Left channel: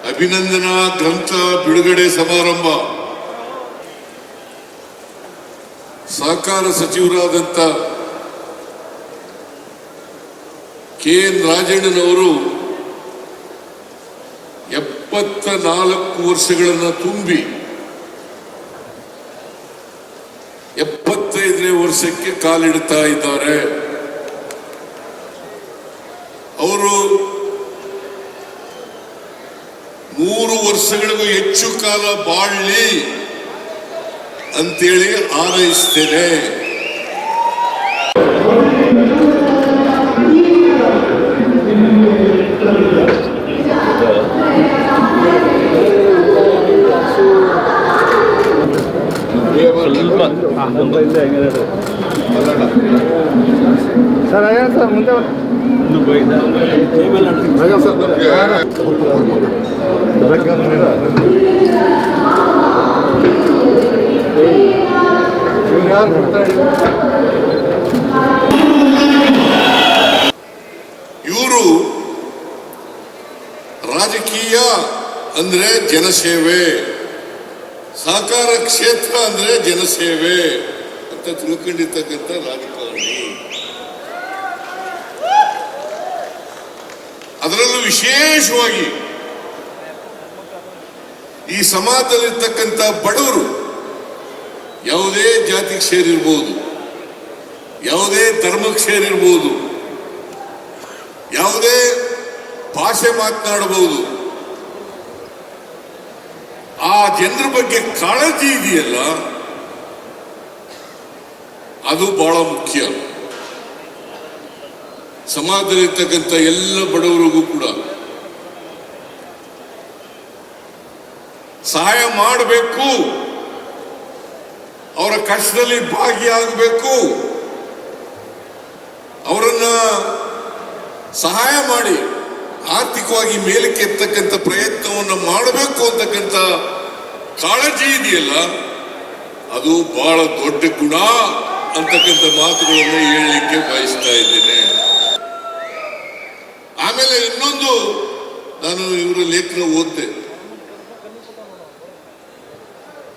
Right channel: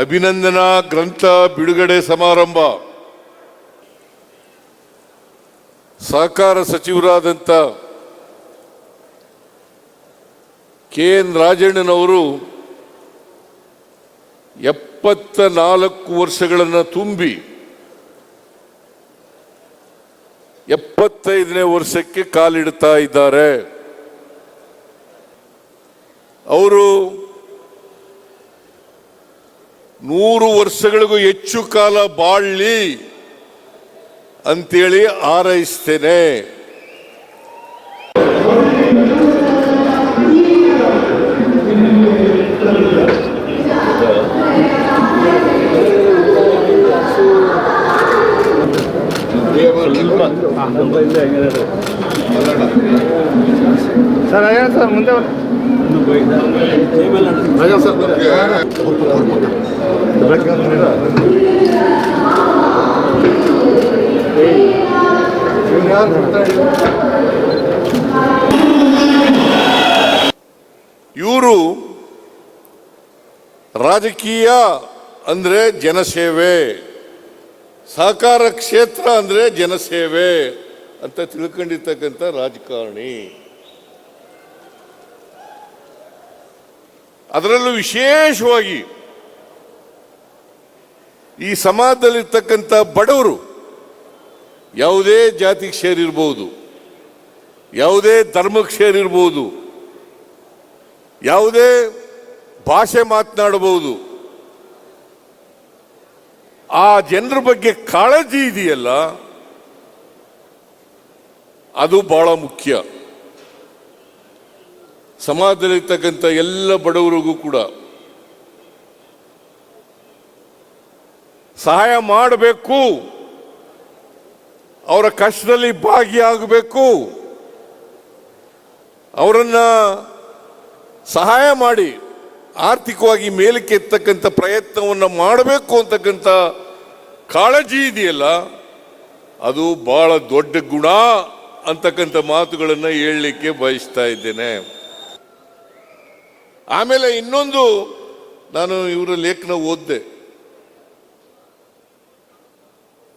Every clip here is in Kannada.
ಅಭಿನಂದನಾ ಗ್ರಂಥ ಬಿಡುಗಡೆ ಸಮಾರಂಭ. ಸಹಕಾರ ಸಚಿವರಾದಂಥ ಕೆ ಎನ್ ರಾಜಣ್ಣನವರು ಎಪ್ಪತ್ತ ನಾಲ್ಕು ವರ್ಷಗಳನ್ನು ತುಂಬಿ, ಎಪ್ಪತ್ತೈದನೇ ವರ್ಷಕ್ಕೆ ಕಾಲಿಡ್ತಾ ಇದ್ದಾರೆ. ಅವರು ನೂರು ವರ್ಷಗಳಿಗೂ ಹೆಚ್ಚು ಕಾಲ ಬಾಳಿ ಅಂತೇಳಿ ಹಾರೈಸ್ತೇನೆ ಸರ್ ಮುಂದೆ ಸರ್ ಮುಂದೆ? ಇವರು ರಾಜಕೀಯ ಅಂದ್ರೆ ಜನಸೇವೆ, ಸಹಕಾರ ಕ್ಷೇತ್ರ ಅಂದ್ರೆ ಜನಸೇವೆ ಅಂತ ತಿಳ್ಕೊಂಡಿರ್ತಕ್ಕಂಥ ರಾಜಕಾರಣಿ ಅದರಲ್ಲೂ ವಿಶೇಷವಾಗಿ ಈ ಸಮಾಜದಲ್ಲಿ ಸಮಾಜದಲ್ಲಿರ್ತಕ್ಕಂಥ ಬಡವರು ಯಾವುದೇ ಜಾತಿ ಸೇರಿರ್ಬೋದು, ಯಾವುದೇ ಧರ್ಮದ ಸೇರಿರ್ಬೋದು, ಯಾವುದೇ ಭಾಷೆ ಮಾತನಾಡಬಹುದು. ಆ ಜನರ ಬಗ್ಗೆ ಕಾಳಜಿ ಇದೆಯಲ್ಲ, ಅದು ಬಹಳ ಮುಖ್ಯ. ಸಮಾಜದಲ್ಲಿರ್ತಕ್ಕಂಥ ಎಲ್ಲ ಬಡವರಿಗೂ ಕೂಡ ಸಹಾಯ ಮಾಡಬೇಕು. ಅವರ ಕಷ್ಟದಲ್ಲಿ ಭಾಗಿಯಾಗಬೇಕು. ಅವರನ್ನ ಸಹಾಯ ಮಾಡಿ. ಆರ್ಥಿಕವಾಗಿ ಮೇಲಕ್ಕೆ ಎತ್ತಕ್ಕಂಥ ಪ್ರಯತ್ನವನ್ನು ಮಾಡಬೇಕು ಅಂತಕ್ಕಂಥ ಕಾಳಜಿ ಇದೆಯಲ್ಲ, ಅದು ಬಹಳ ದೊಡ್ಡ ಗುಣ ಅಂತಕ್ಕಂಥ ಮಾತುಗಳನ್ನು ನಾನು ಇವರು ಲೇಖನ ಓದಿದೆ.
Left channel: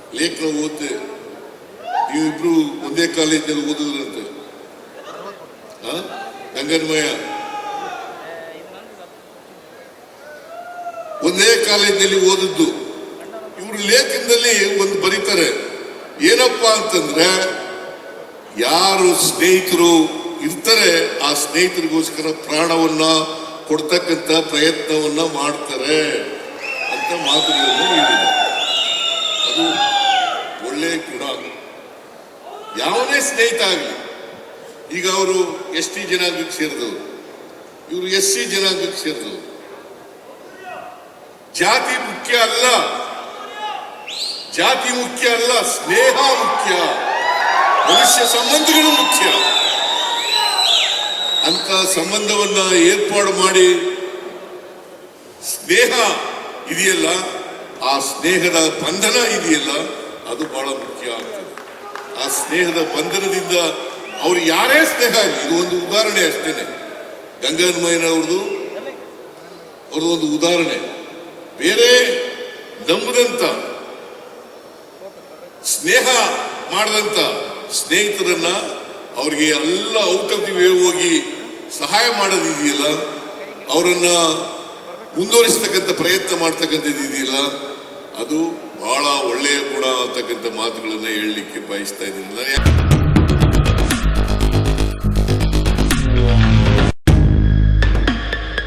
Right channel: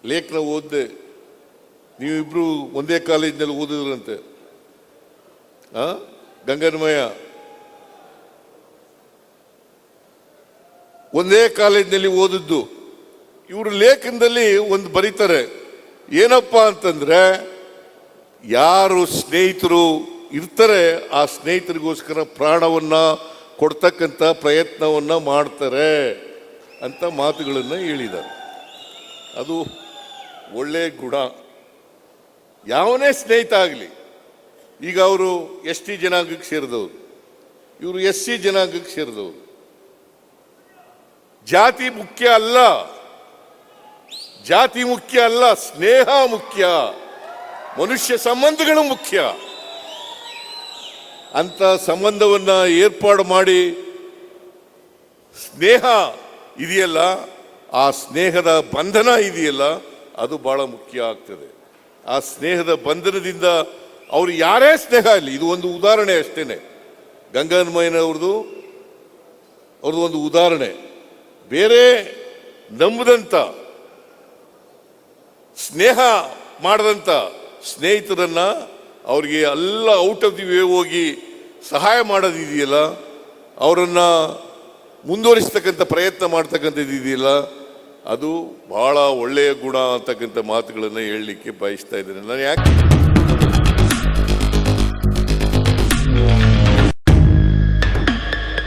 ಲೇಖನ ಓದಿದೆ. ಇವರು ಒಂದೇ ಕಾಲೇಜಿನಲ್ಲಿ ಓದಿದ್ರಂತೆ. ಆ? ಗಂಗನಮಯ. ಒಂದೇ ಕಾಲೇಜಿನಲ್ಲಿ ಓದಿದ್ದು. ಇವರು ಲೇಖನದಲ್ಲಿ ಒಂದು ಬರೀತಾರೆ, ಏನಪ್ಪ ಅಂತಂದ್ರೆ, ಯಾರು ಸ್ನೇಹಿತರು ಇರ್ತಾರೆ, ಆ ಸ್ನೇಹಿತರಿಗೋಸ್ಕರ ಪ್ರಾಣವನ್ನ ಕೊಡ್ತಕ್ಕಂಥ ಪ್ರಯತ್ನವನ್ನ ಮಾಡ್ತಾರೆ ಅಂತ ಮಾತುಗಳನ್ನು ಅದು ಒಳ್ಳೆಯ ಗುಣ. ಯಾವುದೇ ಸ್ನೇಹಿತ ಆಗಲಿ, ಈಗ ಅವರು ಎಸ್ ಟಿ ಜನಾಂಗಕ್ಕೆ ಸೇರಿದರು. ಇವರು ಎಸ್ ಸಿ ಜನಾಂಗಕ್ಕೆ ಸೇರಿದರು. ಜಾತಿ ಮುಖ್ಯ ಅಲ್ಲ. ಜಾತಿ ಮುಖ್ಯ ಅಲ್ಲ, ಸ್ನೇಹ ಮುಖ್ಯ ಮನುಷ್ಯ ಸಂಬಂಧಗಳು ಮುಖ್ಯ. ಅಂತ ಸಂಬಂಧವನ್ನ ಏರ್ಪಾಡು ಮಾಡಿ ಸ್ನೇಹ ಇದೆಯಲ್ಲ, ಆ ಸ್ನೇಹದ ಬಂಧನ ಇದೆಯಲ್ಲ, ಅದು ಬಹಳ ಮುಖ್ಯ ಆ ಸ್ನೇಹದ ಬಂಧನದಿಂದ ಅವರು ಯಾರೇ ಸ್ನೇಹ ಇದು ಒಂದು ಉದಾಹರಣೆ ಅಷ್ಟೇ ಗಂಗಾಮಯ್ಯನವರು ಅವರು ಒಂದು ಉದಾಹರಣೆ. ಬೇರೆ ನಂಬುದಂತ ಸ್ನೇಹ ಮಾಡದಂತ ಸ್ನೇಹಿತರನ್ನ ಅವರಿಗೆ ಎಲ್ಲ ಔಷಧಿಗೆ ಹೋಗಿ ಸಹಾಯ ಮಾಡೋದಿದೆಯಲ್ಲ ಅವರನ್ನ ಮುಂದುವರಿಸತಕ್ಕಂಥ ಪ್ರಯತ್ನ ಮಾಡತಕ್ಕಂಥದ್ದಿದೆಯಲ್ಲ ಅದು ಬಹಳ ಒಳ್ಳೆಯ ಗುಣ ಅಂತಕ್ಕಂಥ ಮಾತುಗಳನ್ನ ಹೇಳಲಿಕ್ಕೆ ಬಯಸ್ತಾ ಇದ್ದೀನಿ ನಾನು ಯಾಕೆ